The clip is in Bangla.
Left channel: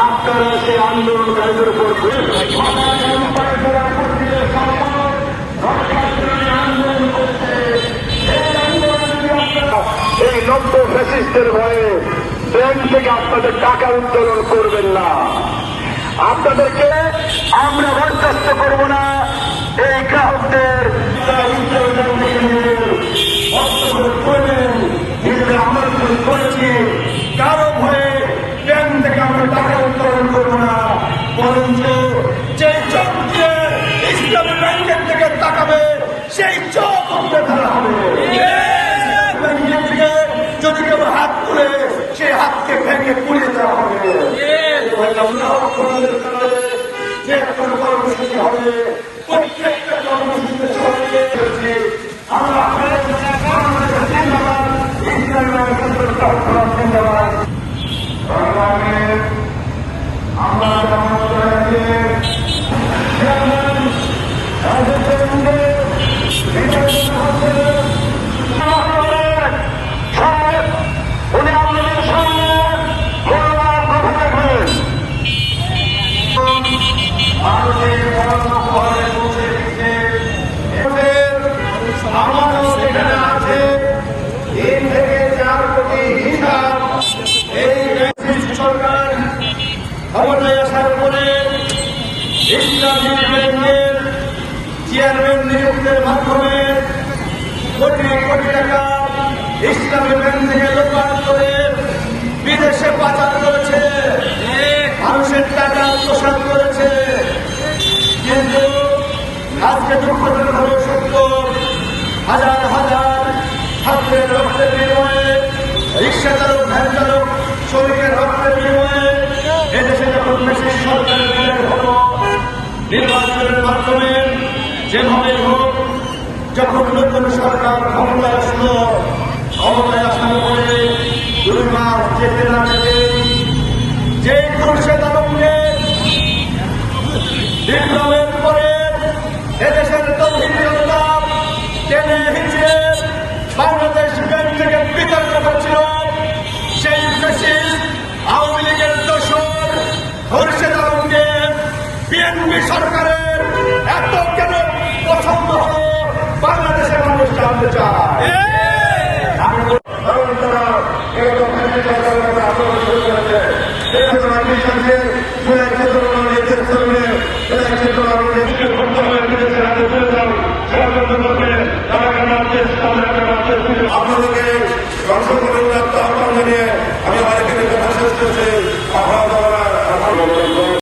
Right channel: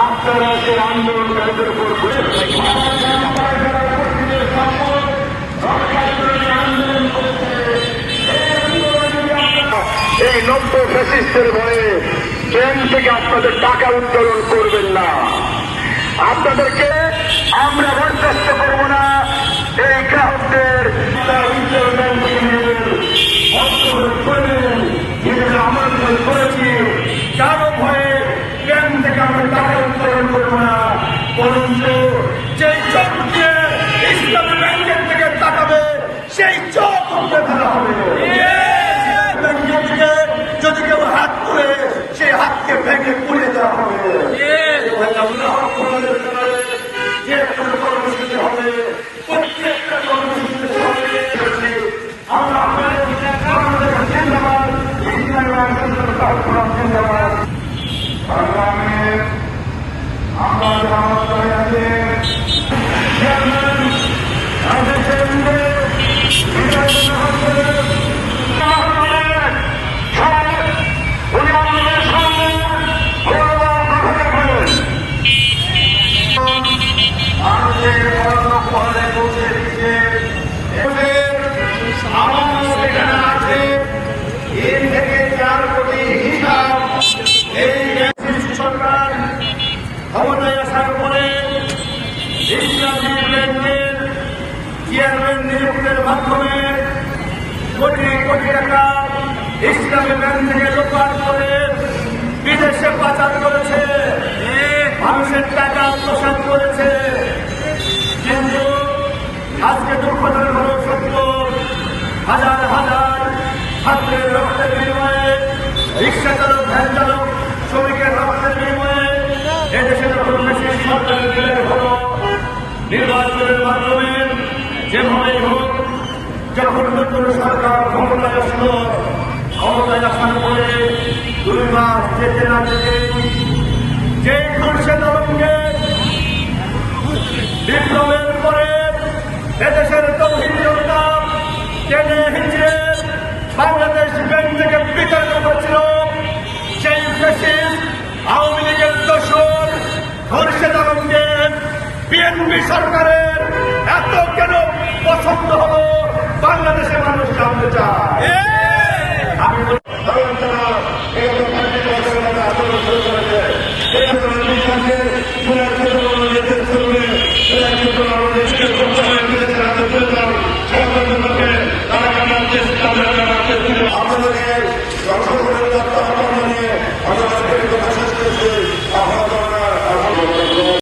আপনারা যে আন্দোলন আন্দোলন করছে এই আন্দোলন যদি আপনারা এই লক্ষ ফ্যাসিস্টের ভয়ে ট্রেন থেকে আপনাদের টাকা উত্তোলন করবেন না। আপনাদেরকে আমরা বরখাস্ত করব না। এই গ্রাহকদের করেছি কারো ভয়ে ট্রেন থেকে আমরা টাকা উত্তোলন করবো না, বরঞ্চ যেই চোখ দিয়ে ইসলামী ব্যাংকের থেকে তাকাবে সেই চোখ উঠে ফেলা হবে। ব্যাংকের থেকে যদি কেউ হাত তুলে সেই হাতকে ভেঙে পুড়িয়ে দেওয়া হবে। যে কোনো কর্মসূচি হবে প্রত্যেকটা কর্মসূচিতে ক্ষমতায় আসার পরে ইসলামী ব্যাংকের চেয়ারম্যান নিযুক্তের মাধ্যমে কোটি কোটি টাকা ইসলামী ব্যাংক থেকে লোপাট করে বিদেশে পাচার করেছে, মানুষের টাকা আত্মসাৎ করেছে। কিন্তু আজকে দুঃখজনক হল সত্য, হাজার হাজার ছাত্রের রক্তের বিনিময়ে, রিক্সা চালক, ভ্যান চালক, শ্রমিকের রক্তের বিনিময়ে এদেশে যখন বেশি সরকারের বিদায় হল, নির্বাচনের মাধ্যমে যেভাবেই হোক, যখন নতুন সরকার ক্ষমতায় আসলো, ক্ষমতায় আসার পরে 2 মাস যেতে না যেতে যেই খুরশেদ আলমকে বিপ্লবের পরে এদেশের তৌহিদি জনতা টেনে হিঁচড়ে বাংলাদেশ ব্যাংক থেকে বিতর্ক করেছিল, সেই ফ্যাসিস্ট আওয়ামী লীগের দোসর খুরশেদ আলমকে বিএনপি সরকারের এত কেন পছন্দ হলো বাংলাদেশের মানুষ জানতে চায়।